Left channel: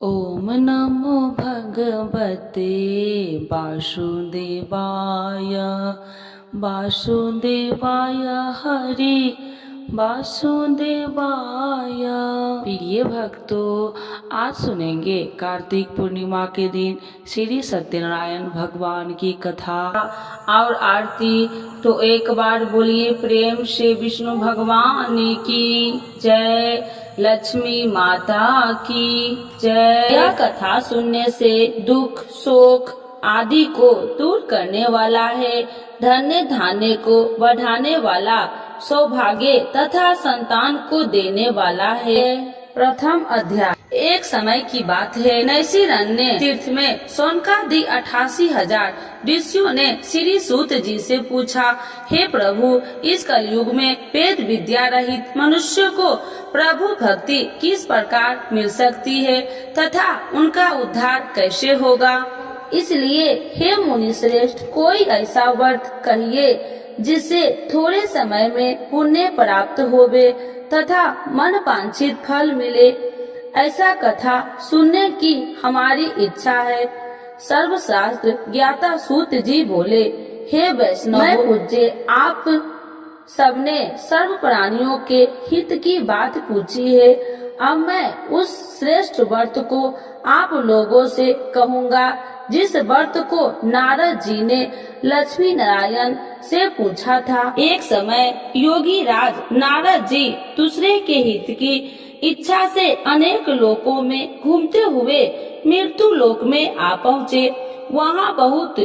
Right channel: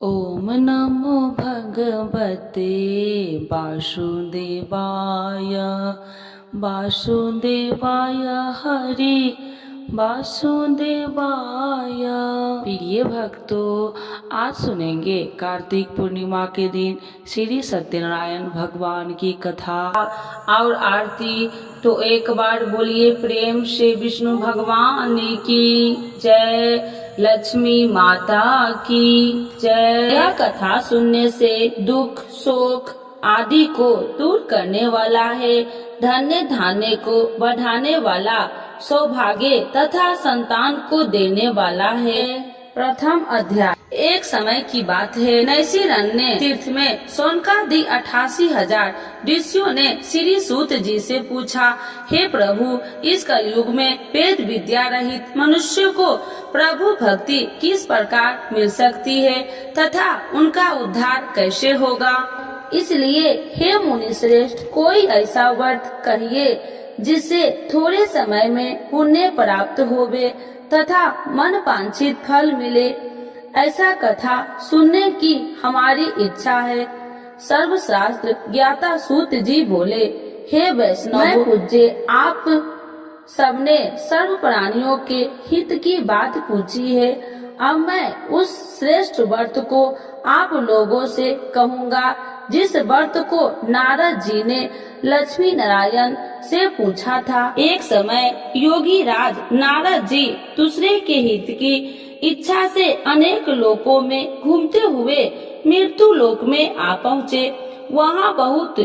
ओम नमो भगवते वासुदेवाय। वासुदेवाय हरि वासुदेवाय। प्रिय भक्तों, आज सुनेंगे कार्तिक पूर्णिमा के दिन श्री सत्यनारायण भगवान की कथा और आरती। तो एक बार बोलिए प्रेम से विष्णु भगवान की जय, लक्ष्मी माता की जय। यह कथा सुनने से दुख शोक आदि को दूर करने वाला है, धन्य धान्य को बढ़ाने वाला, सौभाग्य तथा संतान को देने वाला है। प्रथम अध्याय। एक समय की बात है, नैशिरण्य तीर्थ में शौनकादि 88,000 ऋषियों ने श्री सूत जी से पूछा, हे प्रभु, इस कलयुग में वेद विद्या रहित मनुष्य को प्रभु भक्ति किस प्रकार मिल सकती है तथा उनका उद्धार कैसे होगा। इसलिए हे मुनि श्रेष्ठ, कोई ऐसा व्रत कहिए जिससे थोड़े समय में पुण्य प्राप्त होवे तथा मन वांछित फल मिले। ऐसा कथा सुनने की हमारी इच्छा है। सर्वशास्त्र ज्ञाता सूत जी बोले, हे वैष्णव, मैं पूज्य आप सबने सर्व प्राणियों के हित की बात पूछी है। अब मैं उस श्रेष्ठ व्रत को आप लोगों से कहूँगा जिस व्रत को नारद जी ने लक्ष्मी नारायण से पूछा था। एक समय योगी राज नारद जी दूसरे के हित की इच्छा से अनेक लोकों में घूमते हुए मृत्यु लोक में आ पहुँचे। वहाँ बहुत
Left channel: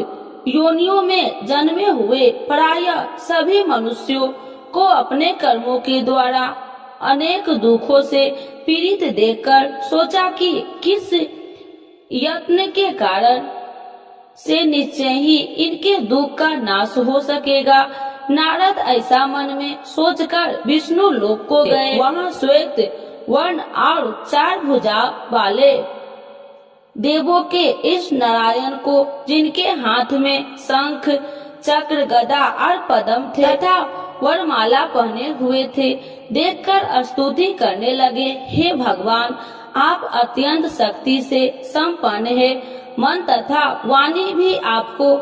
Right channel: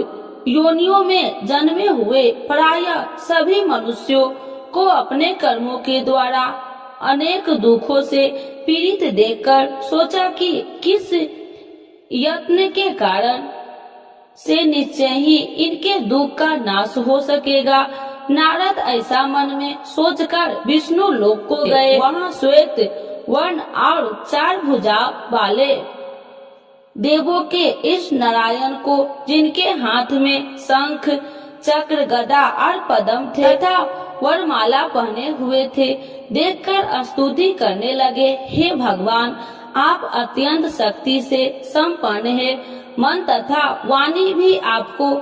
योनियों में जन्मे हुए प्रायः सभी मनुष्यों को अपने कर्मों के द्वारा अनेक दुखों से पीड़ित देखकर सोचा कि किस यत्न के कारण से निश्चय ही इनके दुख का नाश हो सकेगा। नारद ऐसा मन में सोचकर विष्णु लोक को गए। वहाँ श्वेत वर्ण और 4 भुजा वाले देवों के इस नारायण को, जिनके हाथ में शंख चक्र गदा और पद्म थे तथा वरमाला पहने हुए थे, देखकर स्तुति करने लगे। हे भगवान, आप अत्यंत शक्ति से संपन्न है, मन तथा वाणी भी आपको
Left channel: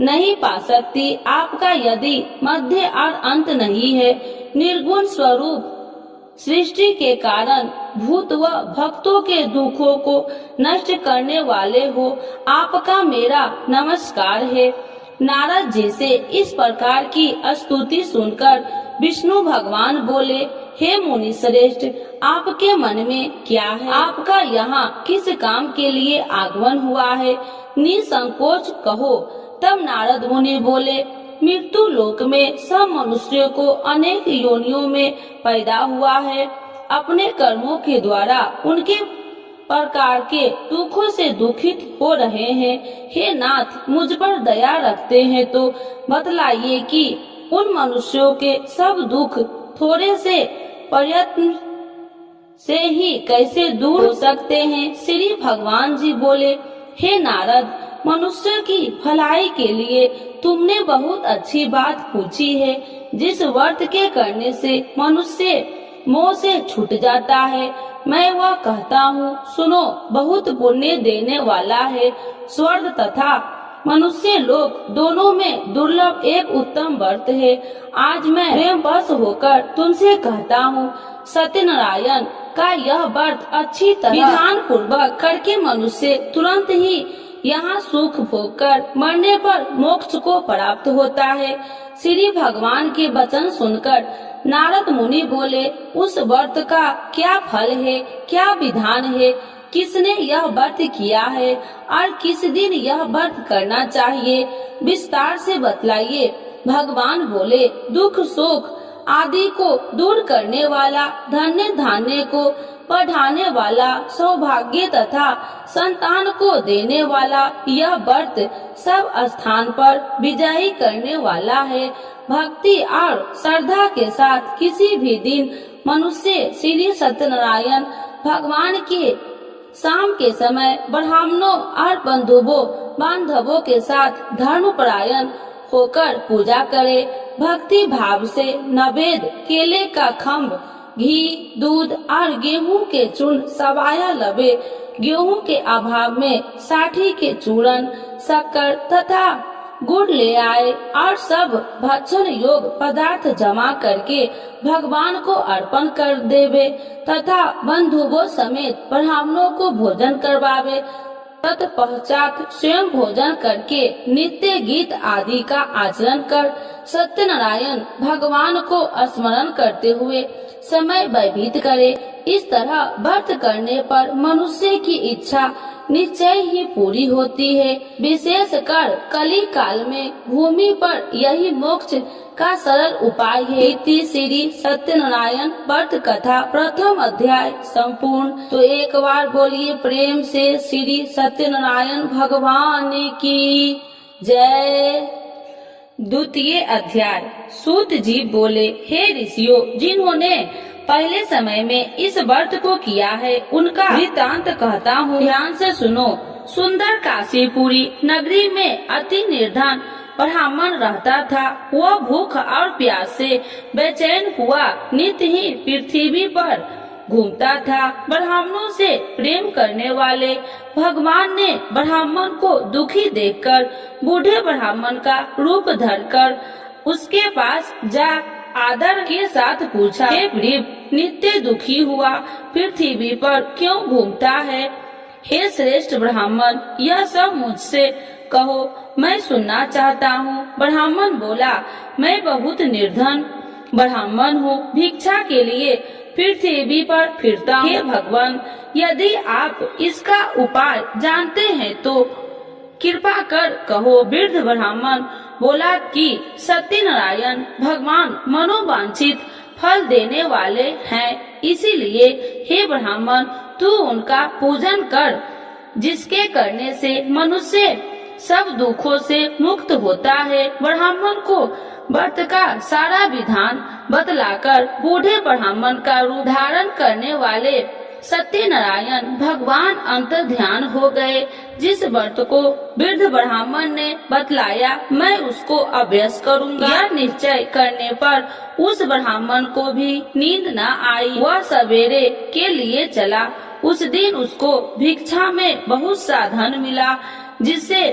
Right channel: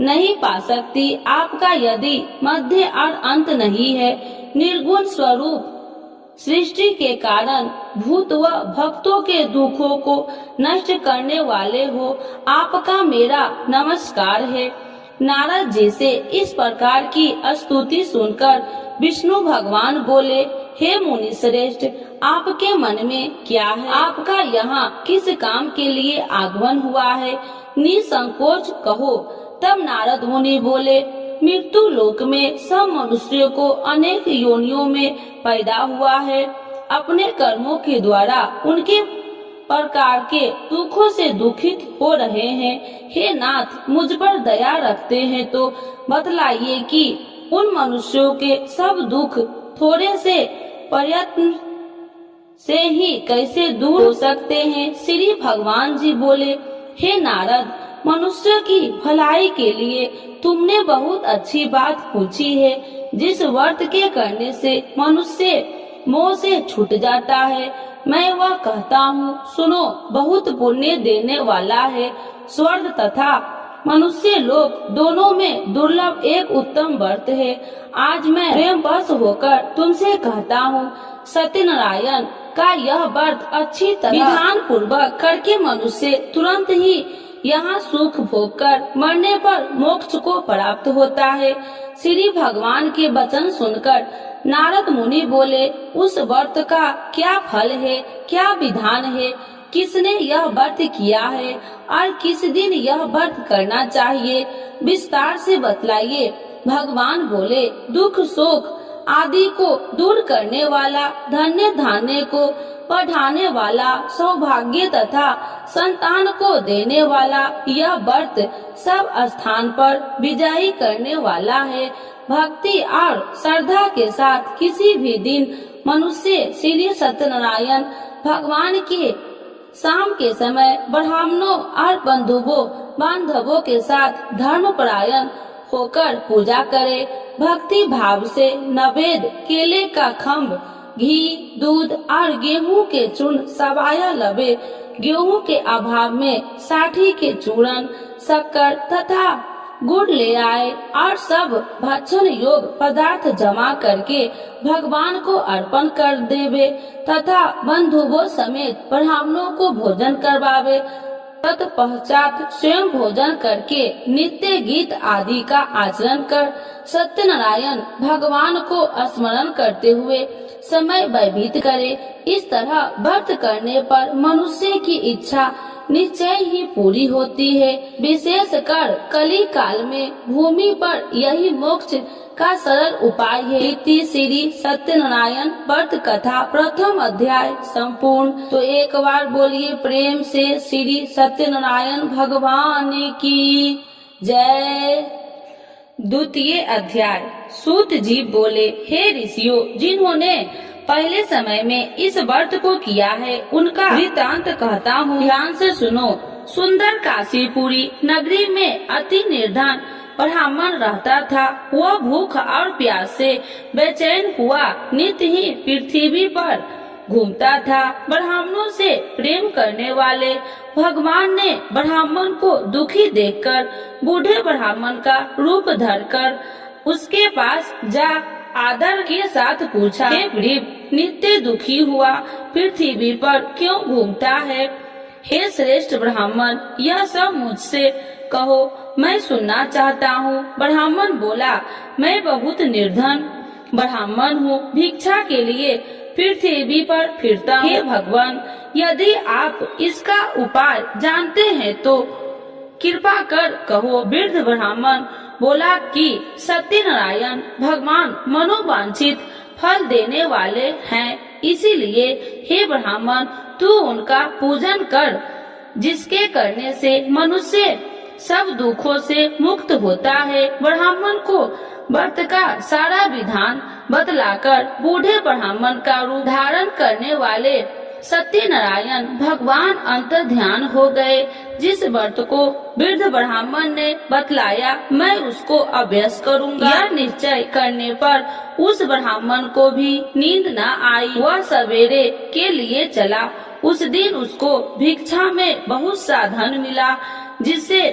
नहीं पा सकती। आपका यदि मध्य और अंत नहीं है, निर्गुण स्वरूप सृष्टि के कारण भूत व भक्तों के दुखों को नष्ट करने वाले हो, आपका मेरा नमस्कार है। नारद जी से इस प्रकार की स्तुति सुनकर विष्णु भगवान बोले, हे मुनि श्रेष्ठ, आपके मन में क्या है? आपका यहाँ किस काम के लिए आगमन हुआ है? निसंकोच कहो। तब नारद मुनि बोले, मृत्यु लोक में सब मनुष्यों को अनेक योनियों में पैदा हुआ है। अपने कर्मों के द्वारा उनके प्रकार के दुखों से दुखित हो रहे हैं। हे नाथ, मुझ पर दया रखते हैं तो बतलाइए कि उन मनुष्यों के सब दुख थोड़े से प्रयत्न से ही कैसे दूर हो सकते हैं। श्री भगवान जी बोले, हे नारद, मनुष्य की भलाई के लिए तुमने बहुत अच्छी बात पूछी है। जिस व्रत के करने से मनुष्य मोह से छूट जाता है, मैं वह कहता हूँ, सुनो। बहुत पुण्य देने वाला है। स्वर्ग तथा मनुष्य लोक दोनों में दुर्लभ एक उत्तम व्रत है। आज मैं प्रेम वश होकर तुमसे कहता हूँ, सत्यनारायण का यह व्रत अच्छी तरह विधान पूर्वक करके मनुष्य तुरंत ही यहाँ सुख भोग कर मरने पर मोक्ष को प्राप्त होता है। श्री भगवान के वचन सुनकर नारद मुनि बोले, उस व्रत का क्या फल है, क्या विधान है, किसने यह व्रत किया है और किस दिन यह व्रत करना चाहिए, विस्तार से बतलाइए। भगवान बोले, दुख शोक आदि को दूर करने वाला, धन्य धान्य को बढ़ाने वाला, सौभाग्य तथा संतान को देने वाला यह व्रत सब स्थान पर विजयी करने वाला है। भक्ति और श्रद्धा के साथ किसी भी दिन मनुष्य श्री सत्यनारायण भगवान के शाम के समय ब्राह्मणों और बांधवों के साथ धर्मपरायण होकर पूजा करे। भक्ति भाव से नवेद, केले का खम्भ, घी, दूध और गेहूं के चूर्ण सवाया लबे गेहूं के अभाव में साठी के चूर्ण, शक्कर तथा गुड़ ले आए और सब भक्षण योग पदार्थ जमा करके भगवान को अर्पण कर देवे तथा बंधुओं समेत ब्राह्मणों को भोजन करवावे। तत्पश्चात स्वयं भोजन करके नित्य गीत आदि का आचरण कर सत्यनारायण भगवान को स्मरण करते हुए समय व्यतीत करे। इस तरह व्रत करने पर मनुष्य की इच्छा निश्चय ही पूरी होती है। विशेषकर कली काल में भूमि पर यही मोक्ष का सरल उपाय है। इति श्री सत्यनारायण व्रत कथा प्रथम अध्याय संपूर्ण। तो एक बार बोलिए प्रेम से श्री सत्यनारायण भगवान की जय। द्वितीय अध्याय। सूत जी बोले, हे ऋषियों, जिन्होंने पहले समय में इस व्रत को किया है उनका वृत्तांत कहता हूँ, ध्यान से सुनो। सुंदर काशीपुरी नगरी में अति निर्धन ब्राह्मण रहता था। वह भूख और प्यास से बेचैन हुआ नित्य ही पृथ्वी पर घूमता था। ब्राह्मणों से प्रेम करने वाले भगवान ने ब्राह्मण को दुखी देखकर बूढ़े ब्राह्मण का रूप धरकर उसके पास जा आदर के साथ पूछा, हे गरीब, नित्य दुखी हुआ पृथ्वी पर क्यों घूमता है? हे श्रेष्ठ ब्राह्मण, यह सब मुझसे कहो, मैं सुनना चाहता हूँ। ब्राह्मण बोला, मैं बहुत निर्धन ब्राह्मण हूँ, भिक्षा के लिए पृथ्वी पर फिरता हूँ। हे भगवान, यदि आप इसका उपाय जानते हैं तो कृपा कर कहो। वृद्ध ब्राह्मण बोला कि सत्यनारायण भगवान मनोवांछित फल देने वाले हैं, इसीलिए हे ब्राह्मण, तू उनका पूजन कर, जिसके करने से मनुष्य सब दुखों से मुक्त होता है। ब्राह्मण को व्रत का सारा विधान बतलाकर बूढ़े ब्राह्मण का रूप धारण करने वाले सत्यनारायण भगवान अंतर ध्यान हो गए। जिस व्रत को वृद्ध ब्राह्मण ने बतलाया, मैं उसको अभ्यास करूंगा। यह निश्चय करने पर उस ब्राह्मण को भी नींद न आई। वह सवेरे के लिए चला। उस दिन उसको भिक्षा में बहुत सा धन मिला, जिससे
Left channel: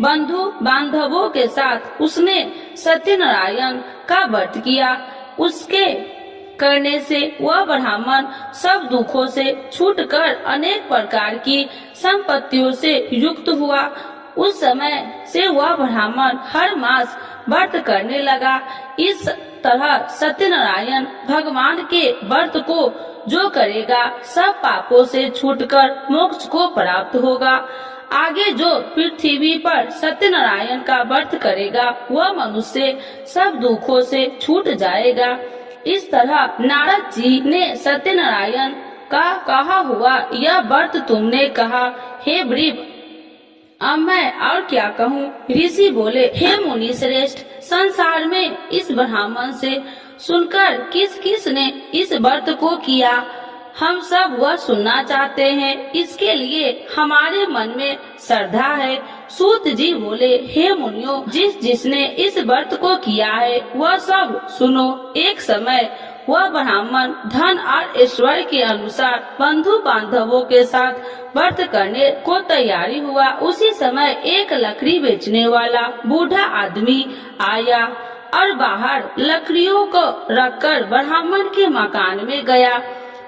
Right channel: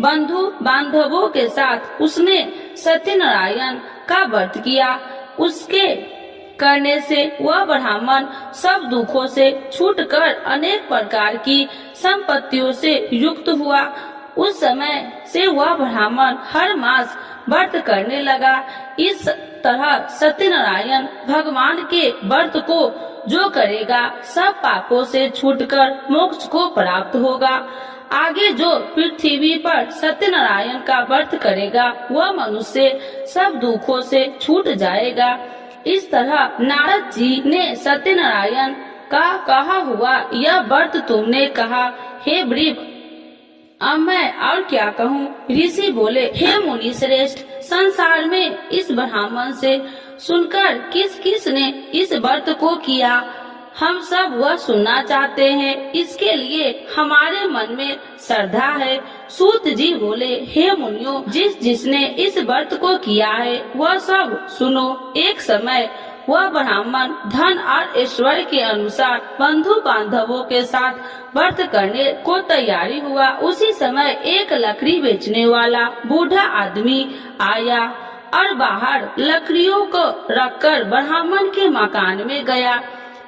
बंधु बांधवों के साथ उसने सत्यनारायण का व्रत किया। उसके करने से वह ब्राह्मण सब दुखों से छूटकर अनेक प्रकार की संपत्तियों से युक्त हुआ। उस समय से वह ब्राह्मण हर मास व्रत करने लगा। इस तरह सत्यनारायण भगवान के व्रत को जो करेगा सब पापों से छूटकर मोक्ष को प्राप्त होगा। आगे जो पृथ्वी पर सत्यनारायण का व्रत करेगा वह मनुष्य सब दुखों से छूट जाएगा। इस तरह नारद जी ने सत्यनारायण का कहा हुआ यह व्रत तुमने कहा, हे वृष, अब मैं और क्या कहूँ? ऋषि बोले, हे मुनि श्रेष्ठ, संसार में इस ब्राह्मण से सुनकर किस किस ने इस व्रत को किया, हम सब वह सुनना चाहते हैं। इसके लिए हमारे मन में श्रद्धा है। सूत जी बोले, हे मुनियों, जिसने इस व्रत को किया है वह सब सुनो। एक समय वह ब्राह्मण धन और ऐश्वर्य के अनुसार बंधु बांधवों के साथ व्रत करने को तैयारी हुआ। उसी समय एक लकड़ी बेचने वाला बूढ़ा आदमी आया और बाहर लकड़ियों को रखकर ब्राह्मण के मकान में गया।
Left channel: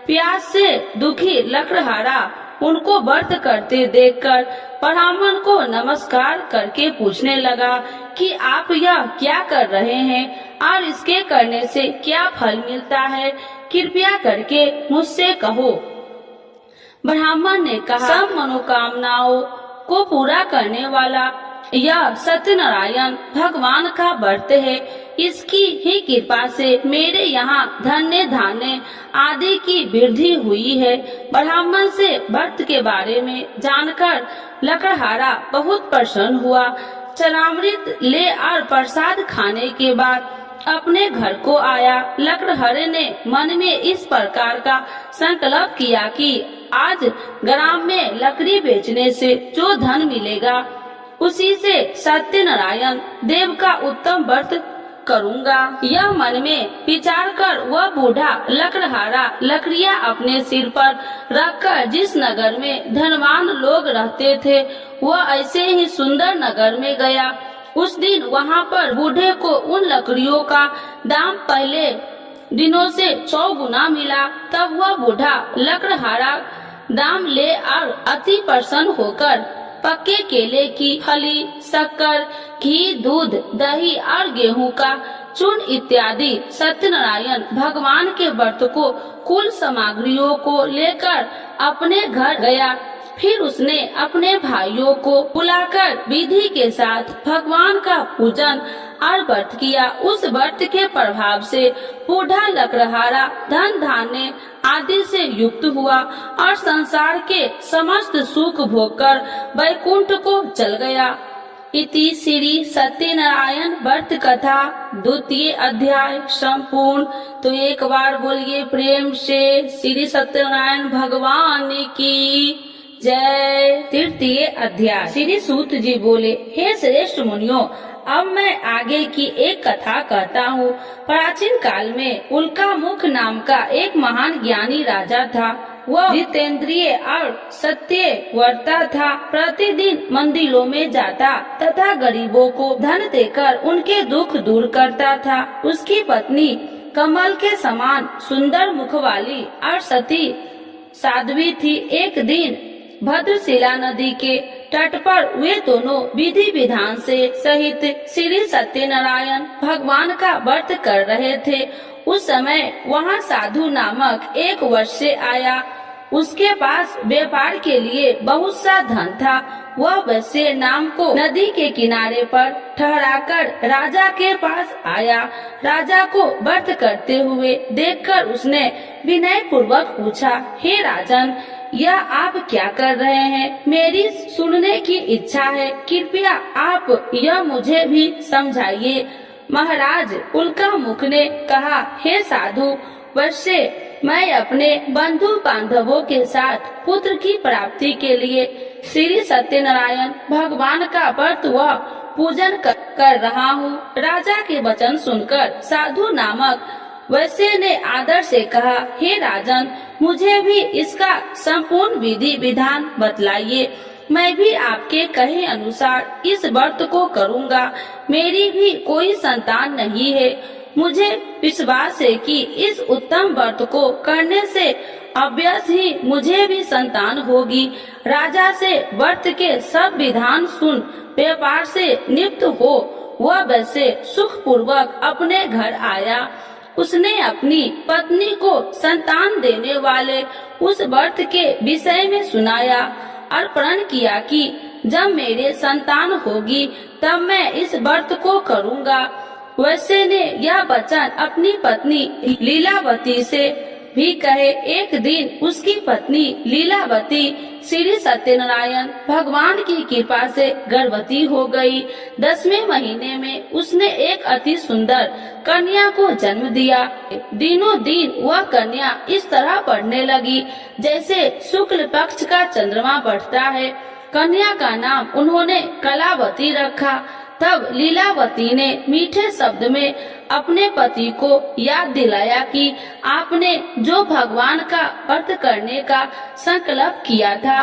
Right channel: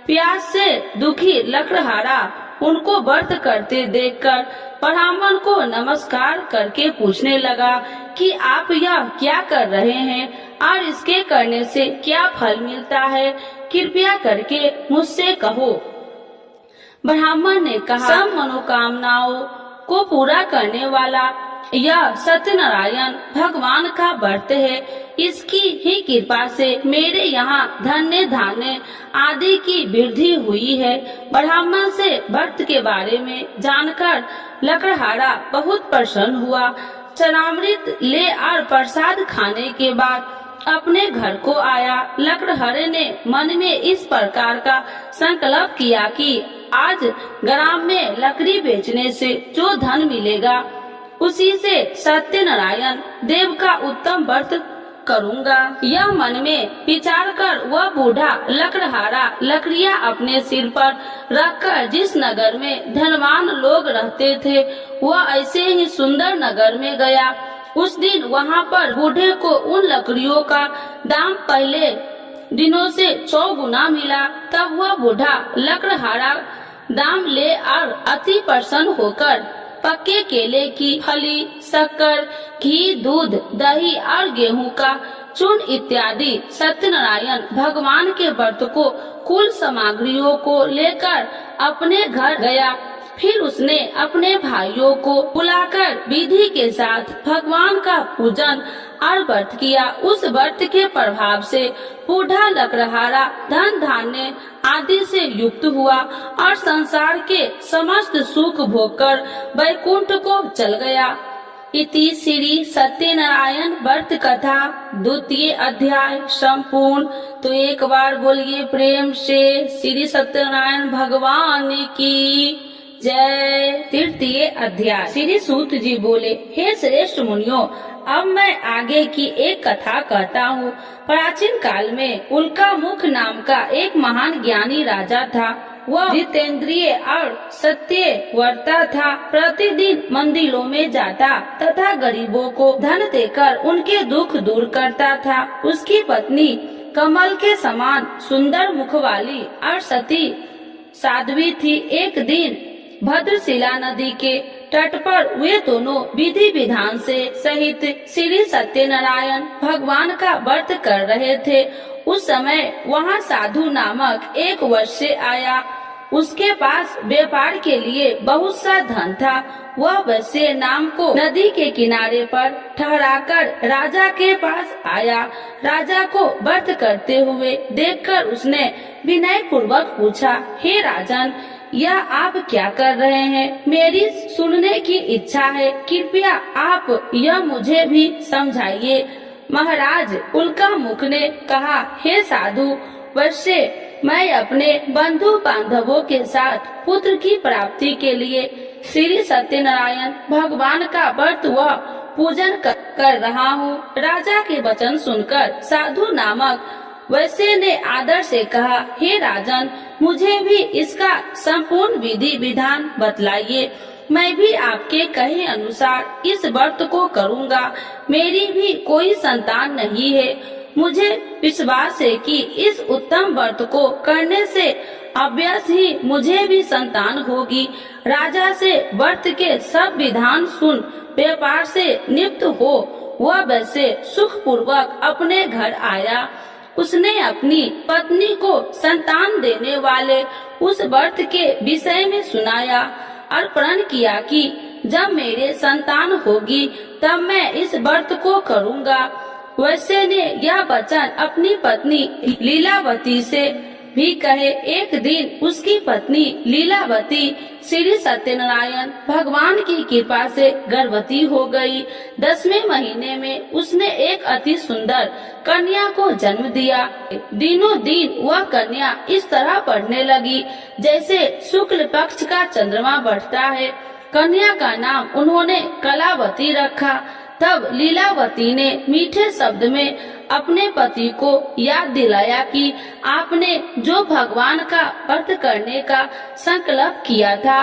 प्यास से दुखी लकड़हारा उनको व्रत करते देखकर ब्राह्मण को नमस्कार करके पूछने लगा कि आप यह क्या कर रहे हैं और इसके करने से क्या फल मिलता है, कृपया करके मुझसे कहो। ब्राह्मण ने कहा, सब मनोकामनाओं को पूरा करने वाला यह सत्यनारायण भगवान का व्रत है। इसकी ही कृपा से मेरे यहाँ धन्य धान्य आदि की वृद्धि हुई है। ब्राह्मण से व्रत के बारे में जानकर लकड़हारा बहुत प्रसन्न हुआ। चरणामृत ले और प्रसाद खाने के बाद अपने घर को आया। लकड़हारे ने मन में इस प्रकार का संकल्प किया कि आज ग्राम में लकड़ी बेचने से जो धन मिलेगा उसी से सत्यनारायण देव का उत्तम व्रत करूँगा। यह मन में विचार कर वह बूढ़ा लकड़हारा लकड़ियाँ अपने सिर पर रखकर जिस नगर में धनवान लोग रहते थे वह ऐसे ही सुंदर नगर में गया। उस दिन वहाँ पर बूढ़े को उन लकड़ियों का दाम पहले दिनों से 100 गुना मिला। तब वह बूढ़ा लकड़हारा दाम ले और अति प्रसन्न होकर पक्के केले की फली, शक्कर, घी, दूध, दही और गेहूं का चूर्ण इत्यादि सत्यनारायण भगवान के व्रत को कुल सामग्रियों को लेकर अपने घर गया। फिर उसने अपने भाइयों को बुलाकर विधि के साथ भगवान का पूजन और व्रत किया। उस व्रत के प्रभाव से बूढ़ा लकड़हारा धन धान्य आदि से युक्त हुआ और संसार के समस्त सुख भोगकर वैकुंठ को चल गया। इति श्री सत्यनारायण व्रत कथा 2य अध्याय संपूर्ण। तो एक बार बोलिए प्रेम से श्री सत्यनारायण भगवान की जय। 3य अध्याय। श्री सूत जी बोले, हे श्रेष्ठ मुनियों, अब मैं आगे की एक कथा कहता हूँ। प्राचीन काल में उल्कामुख नाम का एक महान ज्ञानी राजा था। वह जितेंद्रिय और सत्यव्रता था। प्रतिदिन मंदिरों में जाता तथा गरीबों को धन देकर उनके दुख दूर करता था। उसकी पत्नी कमल के समान सुंदर मुख वाली और सती साध्वी थी। एक दिन भद्रशिला नदी के तट पर वे दोनों विधि विधान से सहित श्री सत्यनारायण भगवान का व्रत कर रहे थे। उस समय वहाँ साधु नामक एक वैश्य आया। उसके पास व्यापार के लिए बहुत सा धन था। वह वैश्य नाम को नदी के किनारे पर ठहराकर राजा के पास आया। राजा को व्रत करते हुए देखकर उसने विनय पूर्वक पूछा, हे राजन, यह आप क्या कर रहे हैं? मेरी सुनने की इच्छा है, कृपया आप यह मुझे भी समझाइए। महाराज उल्कामुख ने कहा, हे साधु वैश्य, मैं अपने बंधु बांधवों के साथ पुत्र की प्राप्ति के लिए श्री सत्यनारायण भगवान का व्रत व पूजन कर रहा हूँ। राजा के वचन सुनकर साधु नामक वैश्य ने आदर से कहा, हे राजन, मुझे भी इसका संपूर्ण विधि विधान बतलाइए। मैं भी आपके कहे अनुसार इस व्रत को करूँगा। मेरी भी कोई संतान नहीं है। मुझे विश्वास है कि इस उत्तम व्रत को करने से अवश्य ही मुझे भी संतान होगी। राजा से व्रत के सब विधान सुन व्यापार से निवृत्त हो वह वैसे सुख पूर्वक अपने घर आया। उसने अपनी पत्नी को संतान देने वाले उस व्रत के विषय में सुनाया और प्रण किया कि जब मेरे संतान होगी तब मैं इस व्रत को करूँगा। वैश्य ने यह वचन अपनी पत्नी लीलावती से भी कहे। एक दिन उसकी पत्नी लीलावती श्री सत्यनारायण भगवान की कृपा से गर्भवती हो गई। 10वें महीने में उसने एक अति सुंदर कन्या को जन्म दिया। दिनों दिन वह कन्या इस तरह बढ़ने लगी जैसे शुक्ल पक्ष का चंद्रमा बढ़ता है। कन्या का नाम उन्होंने कलावती रखा। तब लीलावती ने मीठे शब्द में अपने पति को याद दिलाया कि आपने जो भगवान का व्रत करने का संकल्प किया था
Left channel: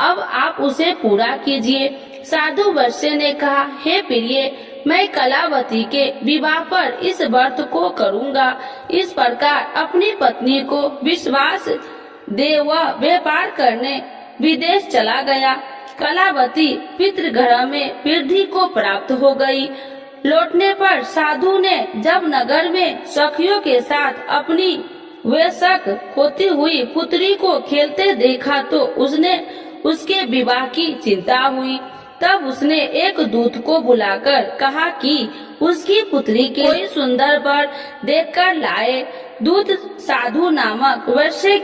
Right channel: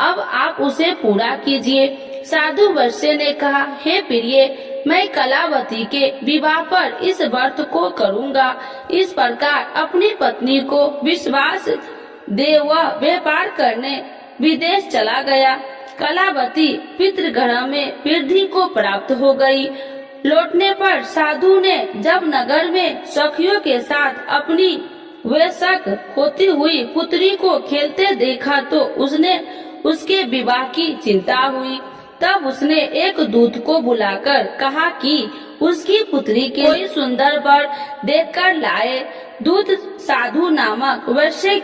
अब आप उसे पूरा कीजिए। साधु वैश्य ने कहा, हे प्रिय, मैं कलावती के विवाह पर इस व्रत को करूँगा। इस प्रकार अपनी पत्नी को विश्वास दे वह व्यापार करने विदेश चला गया। कलावती पितृगृह में वृद्धि को प्राप्त हो गई। लौटने पर साधु ने जब नगर में सखियों के साथ अपनी वयस्क होती हुई पुत्री को खेलते देखा तो उसने उसके विवाह की चिंता हुई। तब उसने एक दूत को बुलाकर कहा कि उसकी पुत्री के कोई सुंदर वर देखकर लाए। दूत साधु नामक वैश्य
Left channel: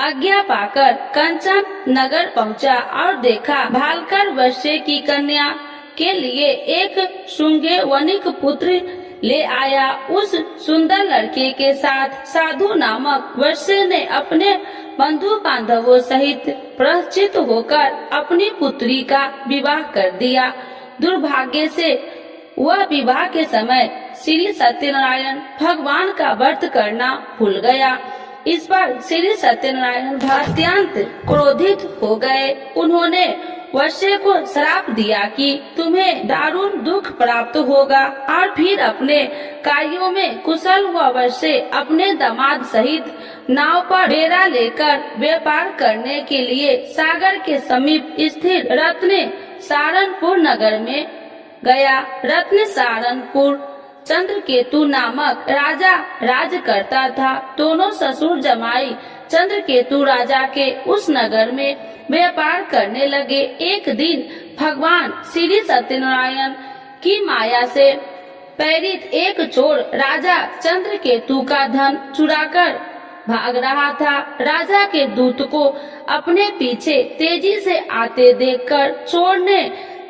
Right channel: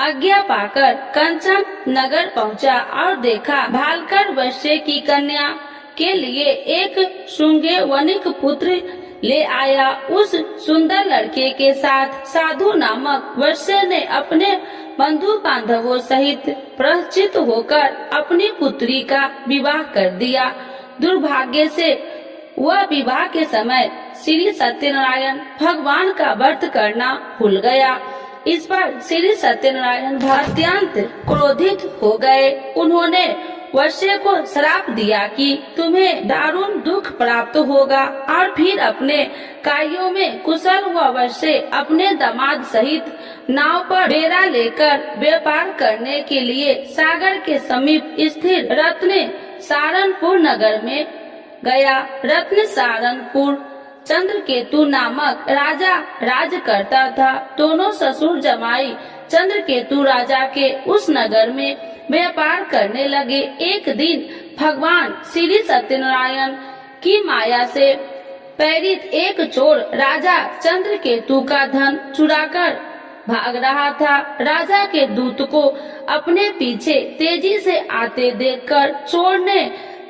आज्ञा पाकर कंचन नगर पहुंचा और देखा भालकर वैश्य की कन्या के लिए एक शुंगे वनिक पुत्र ले आया। उस सुंदर लड़के के साथ साधु नामक वैश्य ने अपने बंधु बांधवों सहित प्रचित होकर अपनी पुत्री का विवाह कर दिया। दुर्भाग्य से वह विवाह के समय श्री सत्यनारायण भगवान का व्रत करना भूल गया। इस पर श्री सत्यनारायण अत्यंत क्रोधित हो गए। उन्होंने वैश्य को श्राप दिया कि तुम्हें दारुण दुख प्राप्त होगा, और फिर अपने कार्यों में कुशल हुआ वैश्य अपने दामाद सहित नाव पर डेरा लेकर व्यापार करने के लिए सागर के समीप स्थित रत्न सारनपुर नगर में गया। रत्न सारनपुर चंद्रकेतु नामक राजा राज करता था। दोनों ससुर जमाई चंद्रकेतु राजा के उस नगर में व्यापार करने लगे। एक दिन भगवान श्री सत्यनारायण की माया से प्रेरित एक चोर राजा चंद्रकेतु का धन चुराकर भाग रहा था। राजा के दूत को अपने पीछे तेजी से आते देखकर चोर ने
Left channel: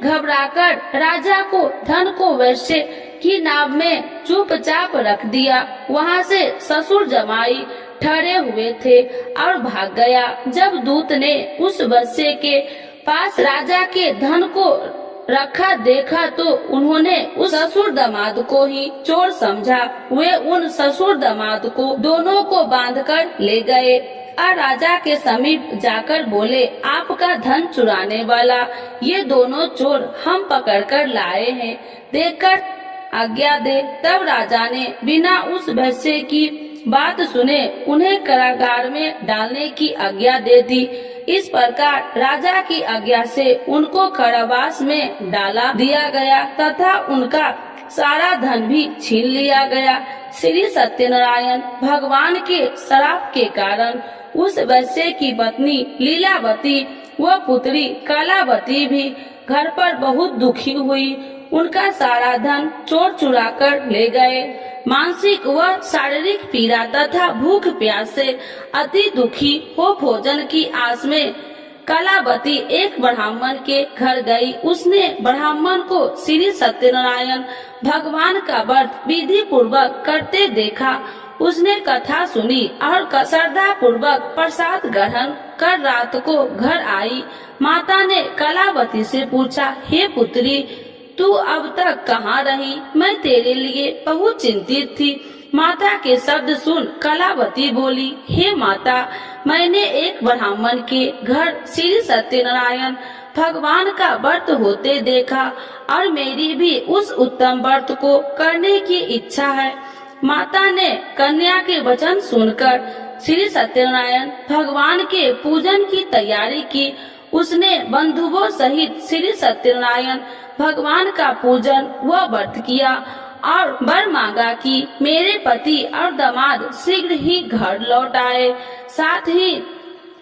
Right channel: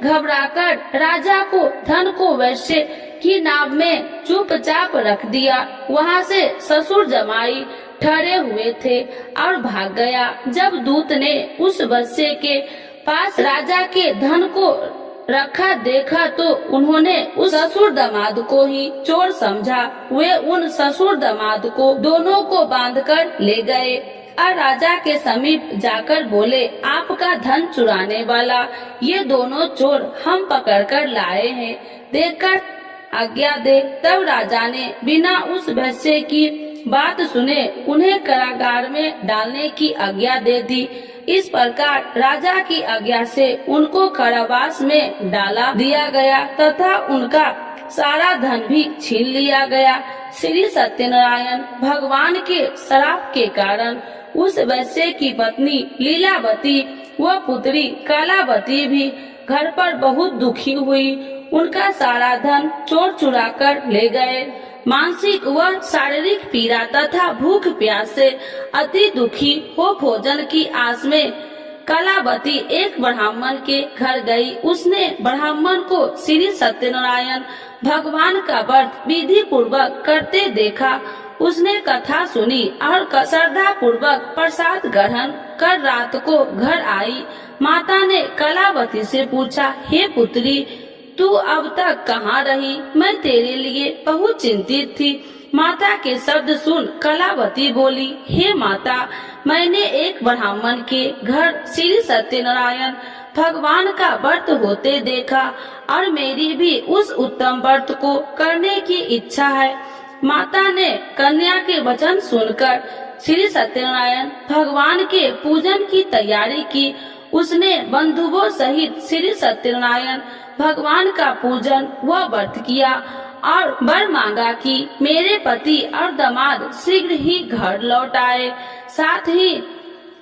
घबराकर राजा को धन को वैश्य की नाव में चुपचाप रख दिया। वहाँ से ससुर जमाई ठहरे हुए थे और भाग गया। जब दूत ने उस वैश्य के पास राजा के धन को रखा देखा तो उन्होंने उस ससुर दामाद को ही चोर समझा। वे उन ससुर दामाद को दोनों को बांधकर ले गए और राजा के समीप जाकर बोले, आपका धन चुराने वाला ये दोनों चोर हम पकड़कर लाए हैं, देखकर आज्ञा दे। तब राजा ने बिना उस वैश्य की बात सुने उन्हें कारागार में डालने की आज्ञा दे दी। इस प्रकार राजा की आज्ञा से उनको कारावास में डाला दिया गया तथा उनका सारा धन भी छीन लिया गया। श्री सत्यनारायण भगवान के श्राप के कारण उस वैश्य की पत्नी लीलावती व पुत्री कलावती भी घर पर बहुत दुखी हुई। उनका सारा धन चोर चुरा कर ले गए। मानसिक व शारीरिक पीड़ा तथा भूख प्यास से अति दुखी हो भोजन की आस में कलावती एक ब्राह्मण के घर गई। उसने ब्राह्मण को श्री सत्यनारायण भगवान का व्रत विधि पूर्वक करते देखा। उसने कथा सुनी और श्रद्धा पूर्वक प्रसाद ग्रहण कर रात को घर आई। माता ने कलावती से पूछा, हे पुत्री, तू अब तक कहाँ रही? मैं तेरे लिए बहुत चिंतित थी। माता के शब्द सुन कलावती बोली, हे माता, मैंने एक ब्राह्मण के घर श्री सत्यनारायण भगवान का व्रत होते देखा और मेरी भी उस उत्तम व्रत को करने की इच्छा है। माता ने कन्या के वचन सुनकर श्री सत्यनारायण भगवान के पूजन की तैयारी की। उसने बंधुओं सहित श्री सत्यनारायण भगवान का पूजन व व्रत किया और वर मांगा कि मेरे पति और दामाद शीघ्र ही घर लौट आए। साथ ही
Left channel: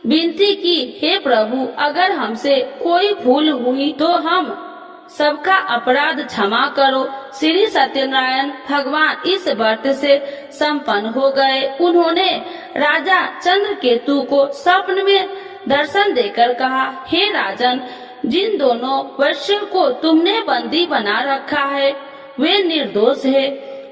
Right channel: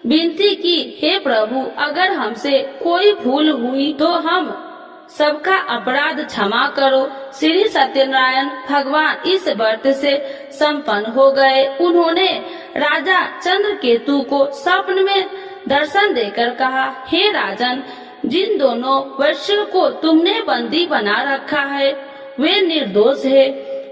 विनती की, हे प्रभु, अगर हमसे कोई भूल हुई तो हम सबका अपराध क्षमा करो। श्री सत्यनारायण भगवान इस व्रत से संपन्न हो गए। उन्होंने राजा चंद्रकेतु को स्वप्न में दर्शन देकर कहा, हे राजन, जिन दोनों वैश्यों को तुमने बंदी बना रखा है वे निर्दोष है,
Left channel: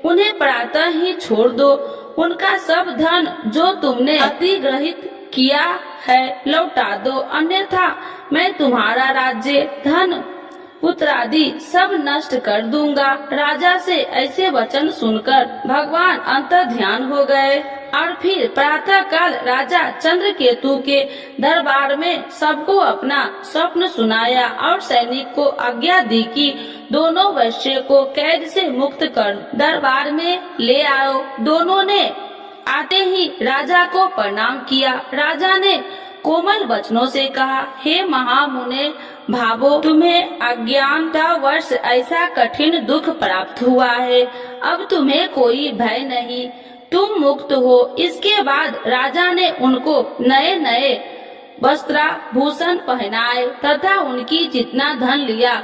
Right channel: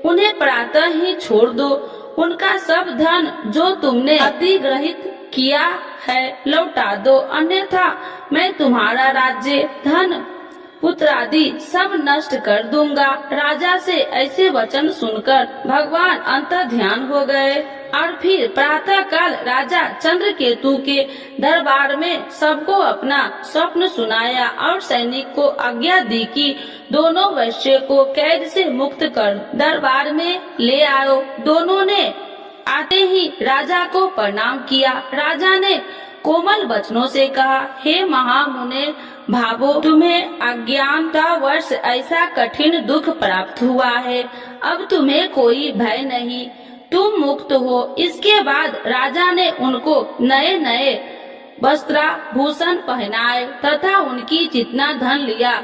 उन्हें प्रातः ही छोड़ दो। उनका सब धन जो तुमने अधिग्रहित किया है लौटा दो, अन्यथा मैं तुम्हारा राज्य, धन, पुत्र आदि सब नष्ट कर दूंगा। राजा से ऐसे वचन सुनकर भगवान अंतर ध्यान हो गए और फिर प्रातः काल राजा चंद्रकेतु के दरबार में सबको अपना स्वप्न सुनाया और सैनिक को आज्ञा दी कि दोनों वैश्य को कैद से मुक्त कर दरबार में ले आओ। दोनों ने आते ही राजा को प्रणाम किया। राजा ने कोमल वचनों से कहा, हे महामुने भावो, तुम्हें अज्ञानतावश ऐसा कठिन दुख प्राप्त हुआ है। अब तुम्हें कोई भय नहीं, तुम मुक्त हो। इसके बाद राजा ने उनको नए नए वस्त्राभूषण पहनाए तथा उनकी जितना धन लिया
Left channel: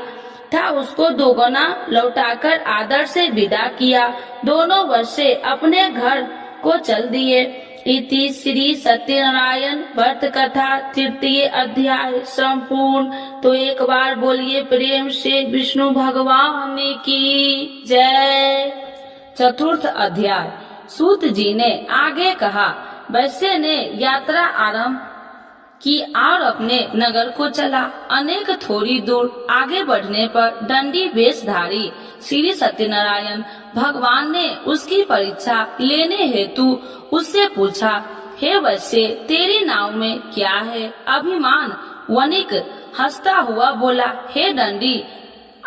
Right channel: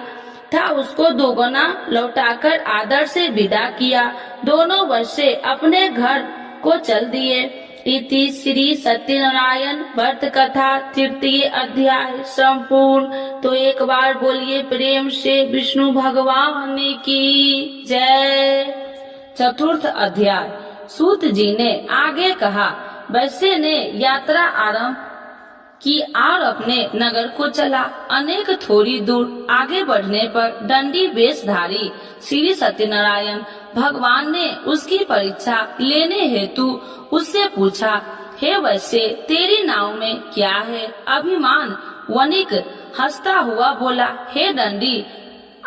था उसको दोगुना लौटाकर आदर से विदा किया। दोनों वैश्य अपने घर को चल दिए। इति श्री सत्यनारायण व्रत कथा तृतीय अध्याय संपूर्ण। तो एक बार बोलिए प्रेम से विष्णु भगवान की जय। चतुर्थ अध्याय। सूत जी ने आगे कहा, वैश्य ने यात्रा आरंभ कि और अपने नगर को चला। अनेक थोड़ी दूर आगे बढ़ने पर दंडी वेशधारी श्री सत्यनारायण भगवान ने उसकी परीक्षा लेने हेतु उससे पूछा, हे वैश्य, तेरी नाव में क्या है? अभिमान वणिक हंसता हुआ बोला, हे दंडी,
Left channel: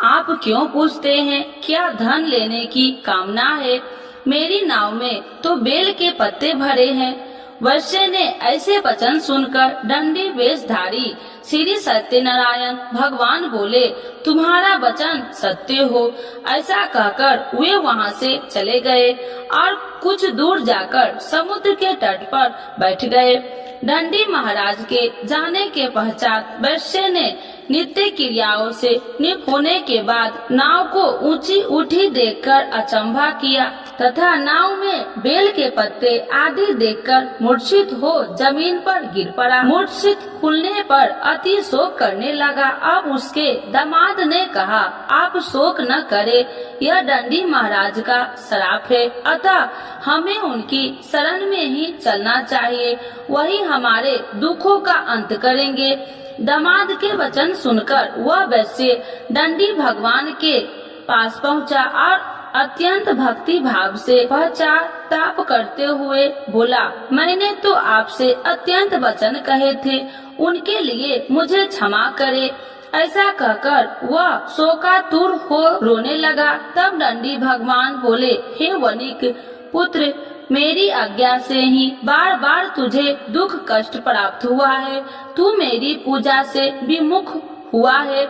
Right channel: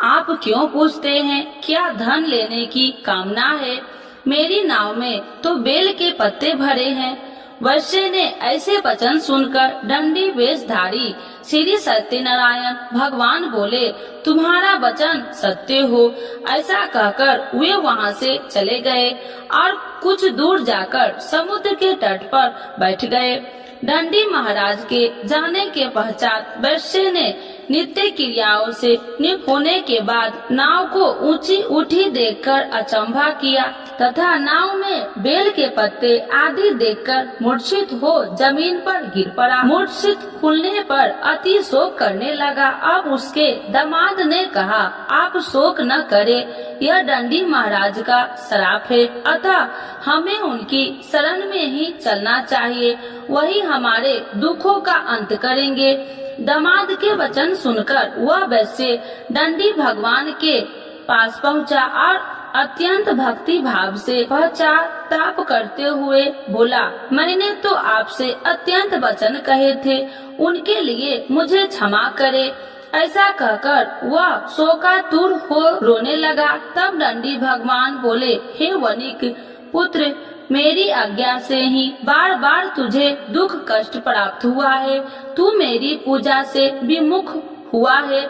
आप क्यों पूछते हैं? क्या धन लेने की कामना है? मेरी नाव में तो बेल के पत्ते भरे हैं। वैश्य ने ऐसे वचन सुनकर दंडी वेशधारी श्री सत्यनारायण भगवान बोले, तुम्हारा वचन सत्य हो। ऐसा कहकर वे वहाँ से चले गए और कुछ दूर जाकर समुद्र के तट पर बैठ गए। दंडी महाराज के जाने के पश्चात वैश्य ने नित्य क्रियाओं से निपुण होने के बाद नाव को ऊंची उठी देखकर अचंभा किया तथा नाव में बेल के पत्ते आदि देखकर मूर्छित हो जमीन पर गिर पड़ा। मूर्छित खुलने पर अति शोक करने लगा। अब उसके दामाद ने कहा, आप शोक न करे, यह दंडी महाराज का श्राप है, अतः हमें उनकी शरण में ही चलना चाहिए, वही हमारे दुखों का अंत करेंगे। दामाद के वचन सुनकर वह वैश्य दंडी भगवान के पास पहुंचा और अत्यंत भक्ति भाव से पश्चाताप करते हुए बोला, मैंने तो आपसे अत्यंत वचन कहे थे, उनके लिए मुझे क्षमा करे। ऐसा कहकर वह शोकातुर हो रोने लगा। तब दंडी भगवान बोले, हे वणिक पुत्र, मेरी आज्ञा से ही बार बार तुझे दुख कष्ट प्राप्त हुआ है, तू मेरी पूजा से विमुख हुआ है।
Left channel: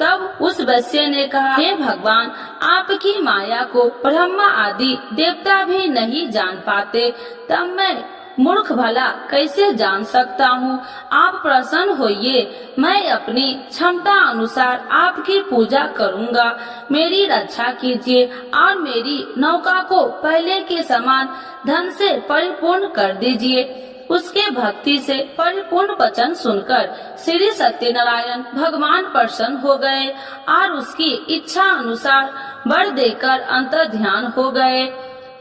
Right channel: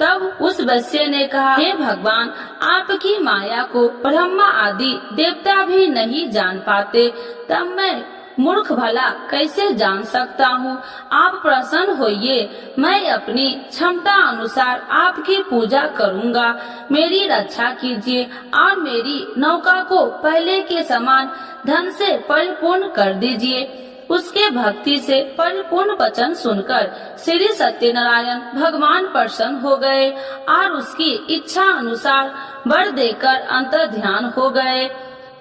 तब उस वैश्य ने कहा, हे भगवान, आपकी माया को ब्रह्मा आदि देवता भी नहीं जान पाते, तब मैं मूर्ख भला कैसे जान सकता हूँ। आप प्रसन्न होइए, मैं अपनी क्षमता अनुसार आपकी पूजा करूँगा। मेरी रक्षा कीजिए और मेरी नौका को पहले के समान धन से परिपूर्ण कर दीजिए। उसके भक्ति से परिपूर्ण वचन सुनकर श्री सत्यनारायण भगवान प्रसन्न हो गए और उसकी इच्छा अनुसार वर देकर अंतर्ध्यान हो गए।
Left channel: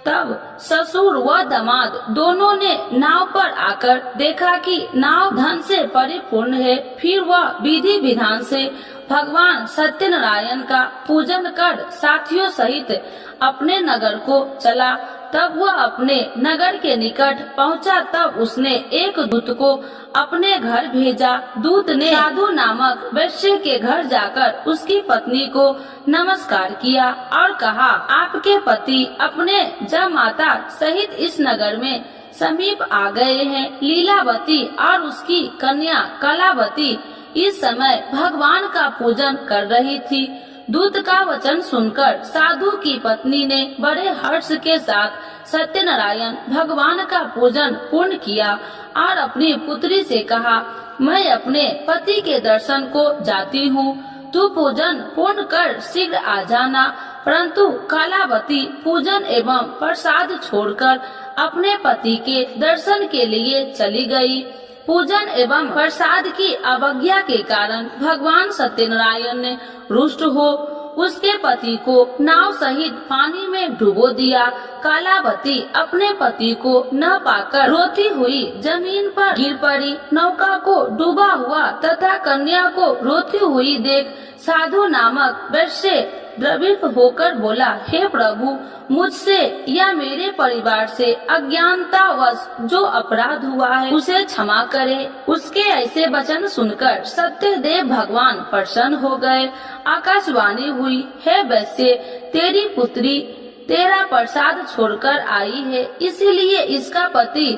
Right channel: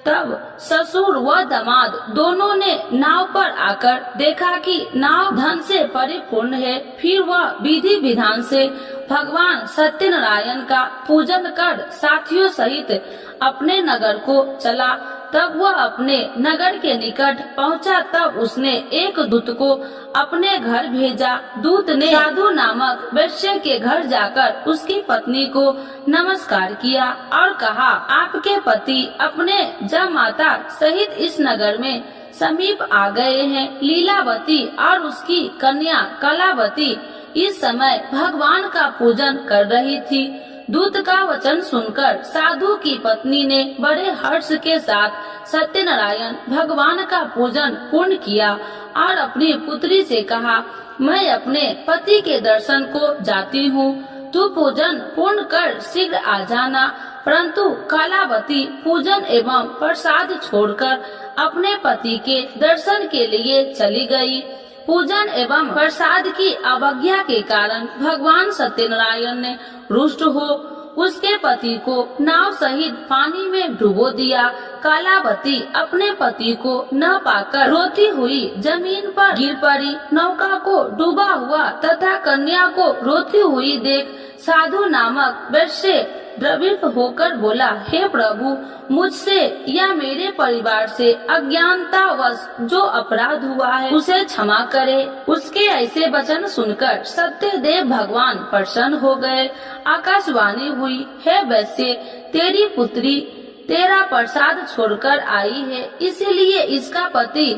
तब ससुर व दामाद दोनों ने नाव पर आकर देखा कि नाव धन से परिपूर्ण है। फिर वह विधि विधान से भगवान सत्यनारायण का पूजन कर साथियों सहित अपने नगर को चला। तब वह अपने नगर के निकट पहुंचा। तब उसने एक दूत को अपने घर भेजा। दूत ने साधु नामक वैश्य के घर जाकर उसकी पत्नी को नमस्कार किया और कहा, आपके पति अपने जमाता सहित इस नगर में समीप आ गए हैं। लीलावती और उसकी कन्या कलावती इस समय भगवान का पूजन कर रही थी। दूत का वचन सुनकर साधु की पत्नी ने बड़े हर्ष के साथ सत्यनारायण भगवान का पूजन पूर्ण किया और अपनी पुत्री से कहा, मैं अपने पति के दर्शन को जाती हूँ, तू पूजन पूर्ण कर शीघ्र आ जाना। परंतु कलावती पूजन एवं प्रसाद छोड़कर अपने पति के दर्शन के लिए चली गई। पूजन एवं प्रसाद की अवज्ञा के कारण भगवान सत्यनारायण ने रुष्ट हो उसके पति को नाव सहित पानी में डुबो दिया। कलावती अपने पति को न पाकर रोती हुई जमीन पर गिर पड़ी। नौका को डूबा हुआ तथा कन्या को रोती हुई देख साधु नामक वैश्य द्रवित होकर बोला, हे प्रभु, मुझसे या मेरे परिवार से अज्ञानतावश जो अपराध हुआ है उसे क्षमा करे। उसके ऐसे वचन सुनकर सत्यदेव भगवान प्रसन्न हो गए। आकाशवाणी हुई, हे वैश्य, तेरी पुत्री तेरा प्रसाद छोड़कर आई है, इसीलिए इसका पति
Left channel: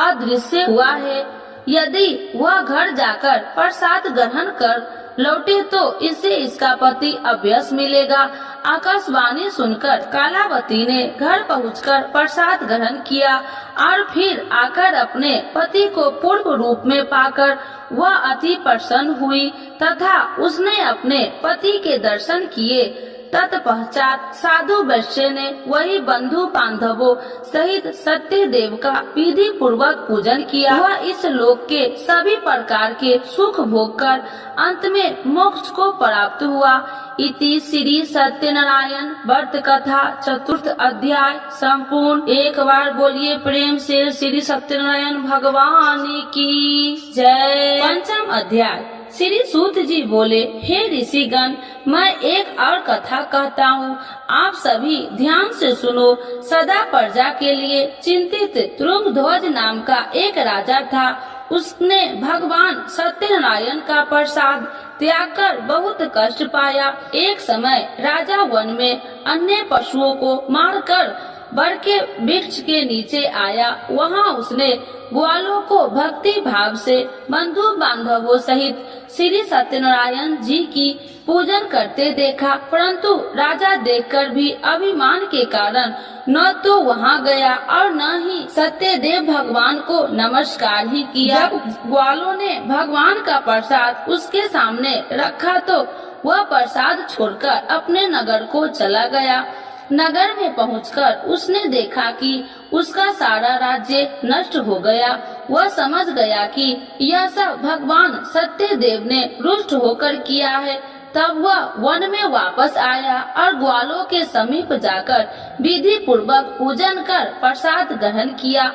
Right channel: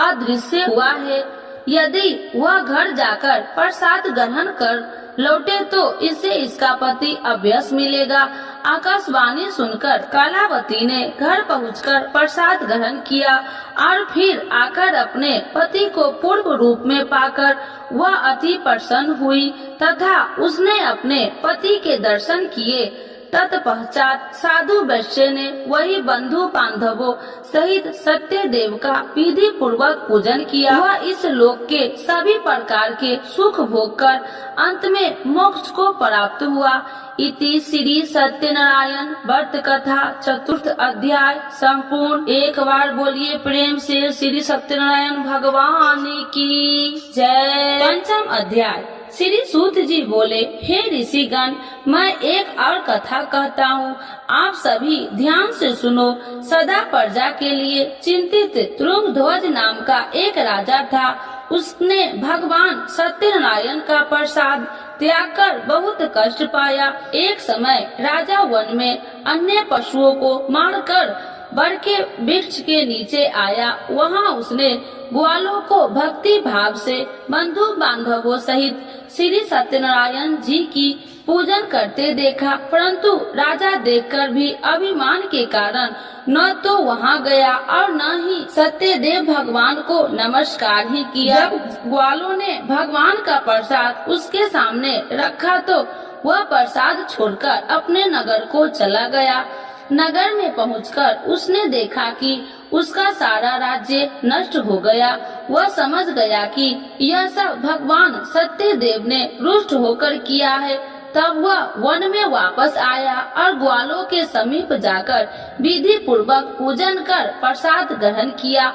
अदृश्य हुआ है। यदि वह घर जाकर प्रसाद ग्रहण कर लौटे तो इसे इसका पति अवश्य मिलेगा। आकाशवाणी सुनकर कलावती ने घर पहुंचकर प्रसाद ग्रहण किया और फिर आकर अपने पति को पूर्व रूप में पाकर वह अति प्रसन्न हुई तथा उसने अपने पति के दर्शन किए तत्पश्चात साधु वैश्य ने वही बंधु बांधवों सहित सत्यदेव का विधि पूर्वक पूजन किया। वह इस लोक के सभी प्रकार के सुख भोग कर अंत में मोक्ष को प्राप्त हुआ। इति श्री सत्यनारायण व्रत कथा चतुर्थ अध्याय संपूर्ण। एक बार बोलिए प्रेम से श्री सत्यनारायण भगवान की जय। पंचम अध्याय। श्री सूत जी बोले, हे ऋषिगण, मैं एक और कथा कहता हूँ, आप सभी ध्यान से सुनो। सदा प्रजा के लिए चिंतित तुंगध्वज नाम का एक राजा था। उसने भगवान सत्यनारायण का प्रसाद त्याग कर बहुत कष्ट पाया। एक समय राजा वन में अन्य पशुओं को मारकर बर के वृक्ष के नीचे आया। वहाँ उसने ग्वालों को भक्ति भाव से बंधु बांधवों सहित श्री सत्यनारायण जी की पूजन करते देखा, परंतु राजा देखकर भी अभिमान के कारण न तो वहाँ गया और न ही सत्यदेव भगवान को नमस्कार ही किया। जब ग्वालों ने भगवान का प्रसाद उसके सामने रखा तो वह प्रसाद छोड़कर अपने नगर को चला गया। नगर में पहुंचकर उसने देखा कि उसका सारा राज्य नष्ट हो गया। वह समझ गया कि यह सब भगवान सत्यदेव ने रुष्ट होकर किया है। तब वह वन में वापस आया और ग्वालों के समीप जाकर विधि पूर्वक पूजन कर प्रसाद ग्रहण किया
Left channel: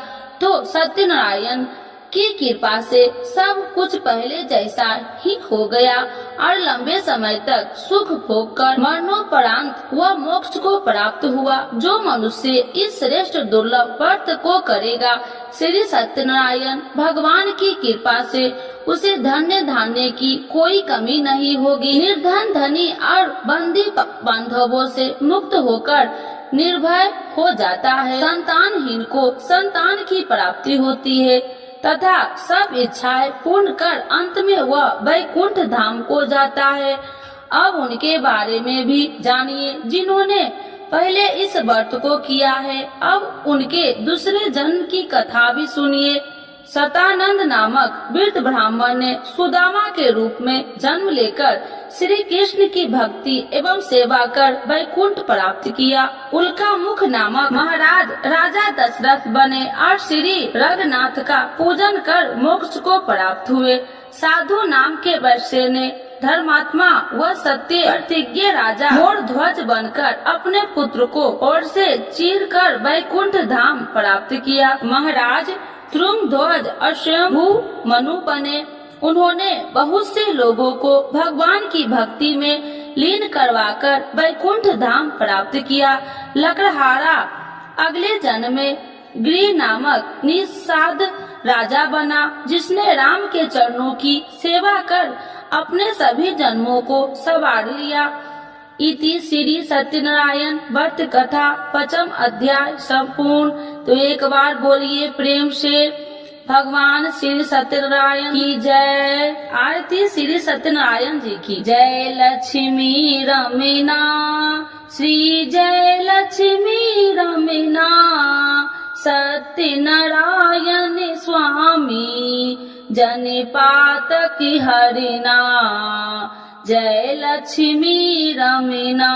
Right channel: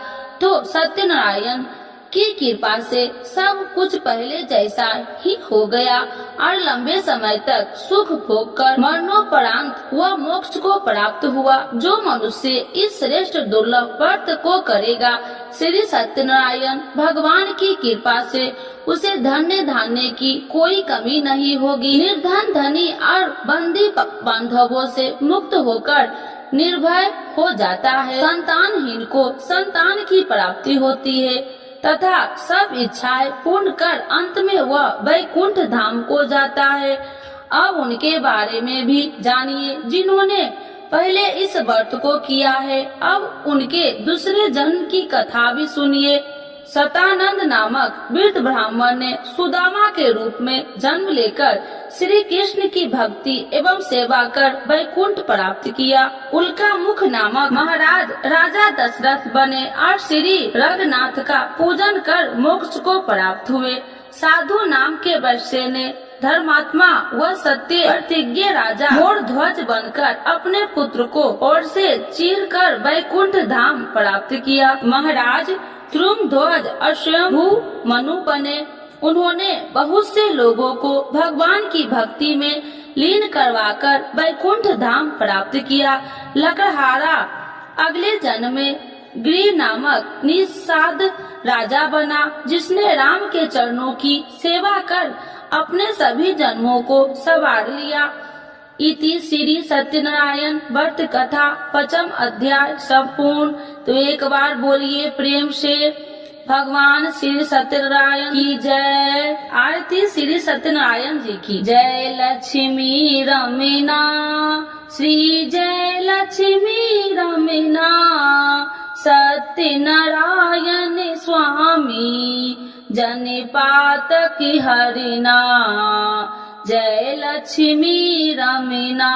तो सत्यनारायण की कृपा से सब कुछ पहले जैसा ही हो गया और लंबे समय तक सुख भोग कर मरणोपरांत वह मोक्ष को प्राप्त हुआ। जो मनुष्य इस श्रेष्ठ दुर्लभ व्रत को करेगा, श्री सत्यनारायण भगवान की कृपा से उसे धन्य धान्य की कोई कमी नहीं होगी। निर्धन धनी और बंदी बांधवों से मुक्त होकर निर्भय हो जाता है। संतानहीन को संतान की प्राप्ति होती है तथा सब इच्छाएं पूर्ण कर अंत में वह वैकुंठ धाम को जाता है। अब उनके बारे में भी जानिए जिन्होंने पहले इस व्रत को किया है। अब उनके दूसरे जन्म की कथा भी सुनिए। सतानंद नामक वृद्ध ब्राह्मण ने सुदामा के रूप में जन्म लेकर श्री कृष्ण की भक्ति एवं सेवा कर वैकुंठ प्राप्त किया। उल्का मुख नामक महाराज राजा दशरथ बने और श्री रघुनाथ का पूजन कर मोक्ष को प्राप्त हुए। साधु नाम के वैश्य ने धर्मात्मा व सत्य प्रतिज्ञ राजा मोरध्वज बनकर अपने पुत्र को और से चीर कर वैकुंठ धाम प्राप्त किया। महाराज तुंगध्वज और स्वयंभू मनु बने। उन्होंने बहुत से लोगों को भगवान की भक्ति में लीन करवाकर वैकुंठ धाम प्राप्त किया। लकड़हारा अगले जन्म में गिरि नामक निषाद राजा बना, जिसने राम के चरणों की सेवा कर अपने सभी जन्मों को संवार लिया। इति श्री सत्यनारायण व्रत कथा पंचम अध्याय संपूर्ण। तो एक बार बोलिए प्रेम से भगवान श्री सत्यनारायण की जय। आरती श्री सत्यनारायण जी की जय। लक्ष्मी रमीना श्री जय लक्ष्मी रमीना सत्यनारायण स्वामी जनिपात की हरिना जय लक्ष्मी रमीना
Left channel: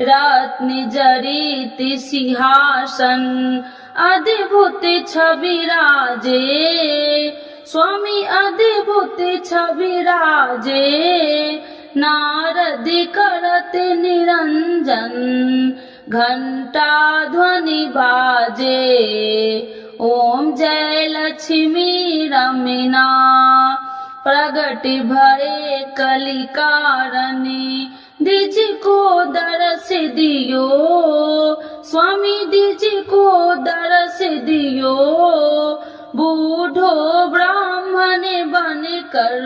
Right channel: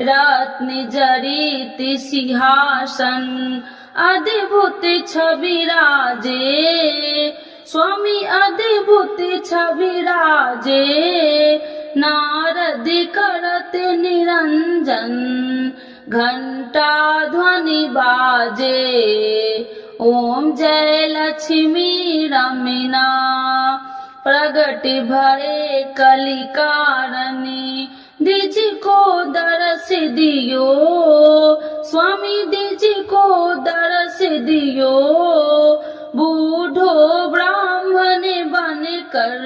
रत्न जड़ित सिंहासन अद्भुत छवि राजे स्वामी अद्भुत छवि राजे नारद करत निरंजन घंटा ध्वनि बाजे ओम जय लक्ष्मी रमीना प्रगट भये कलिकारणी दिज को दरस दियो स्वामी दिज को दरस दियो बूढ़ो ब्राह्मण बन कर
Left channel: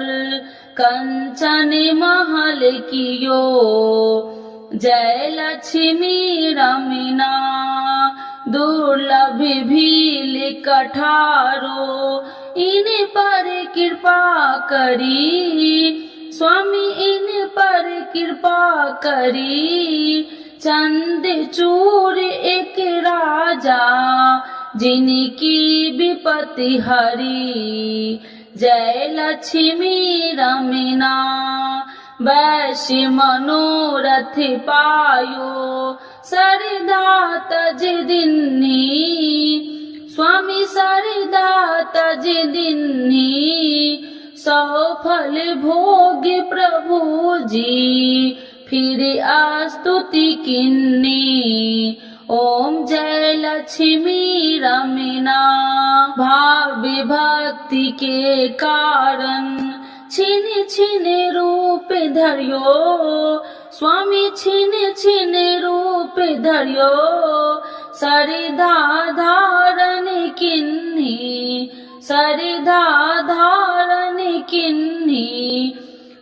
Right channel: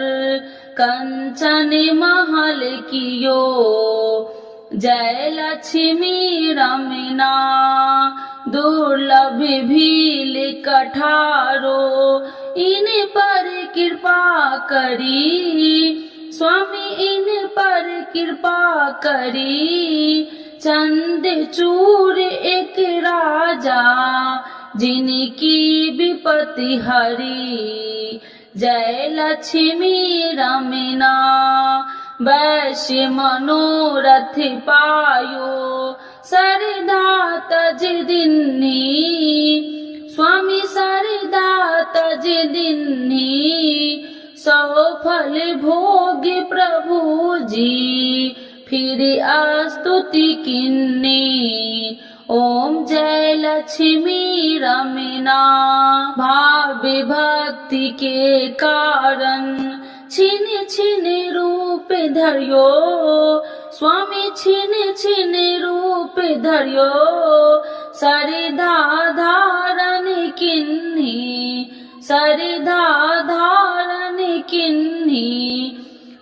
कंचन महल कियो जय लक्ष्मी रमीना दुर्लभ भील कठारो इन पर कृपा करी स्वामी इन पर कृपा करी चंद चूर एक राजा जिनकी विपत्ति हरी जय लक्ष्मी रमीना वैश्य मनोरथ पायो सरदा तज दिन्ही स्वामी सरदा तज दिन्ही सौ फल भोग प्रभु जी फिर स्तुति किन्नी ओम जय लक्ष्मी रमना भाव भक्ति के कारण छिन छिन रूप धरियो स्वामी छिन छिन रूप धरियो सरधा धारण किन्ही सरधा धारण किन्ही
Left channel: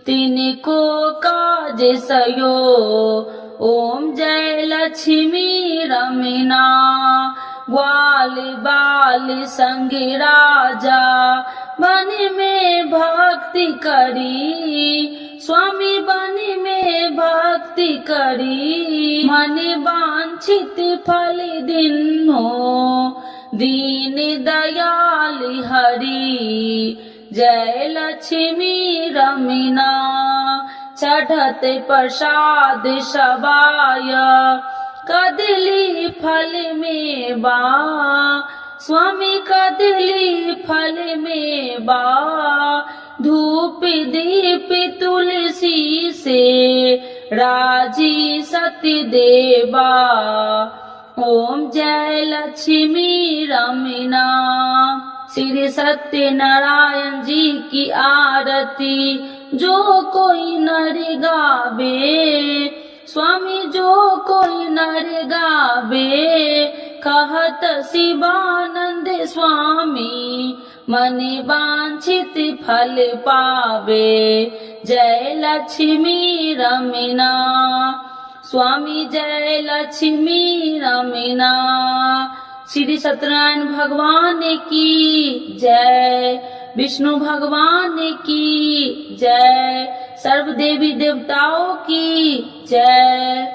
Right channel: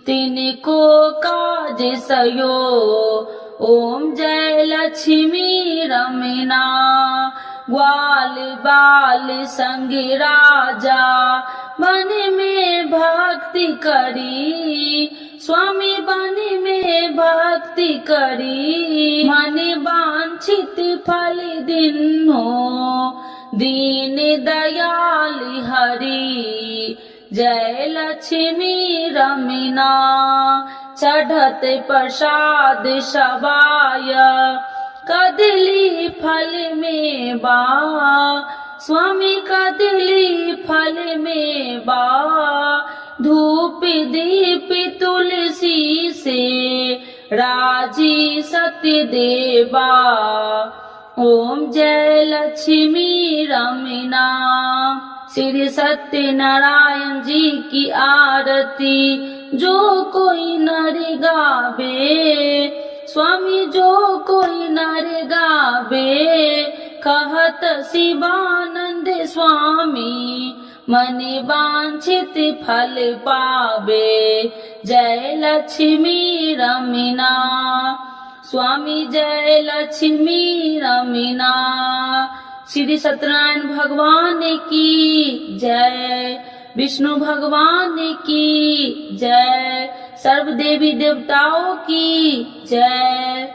तिनको काज सयो ओम जय लक्ष्मी रमना ग्वाल बाल संग राजा मन में भक्ति करी स्वामी बन में भक्ति करी मन वांछित फल दिन्हो दीन दयाल हरि जय लक्ष्मी रमना चढ़त प्रसाद सबाय कदली फल में बा स्वामी कदली फल में बा धूप दीप तुलसी से राजी सत्य देवा ओम जय लक्ष्मी रमना। श्री सत्यनारायण जी की आरती जो कोई नर गावे स्वामी जो कोई नर गावे कहत शिवानंद स्वामी मन वांछित फल पावे जय लक्ष्मी रमना स्वामी जय लक्ष्मी रमना। श्री सत्यनारायण भगवान की जय विष्णु भगवान की जय सर्व देवी देवताओं की जय।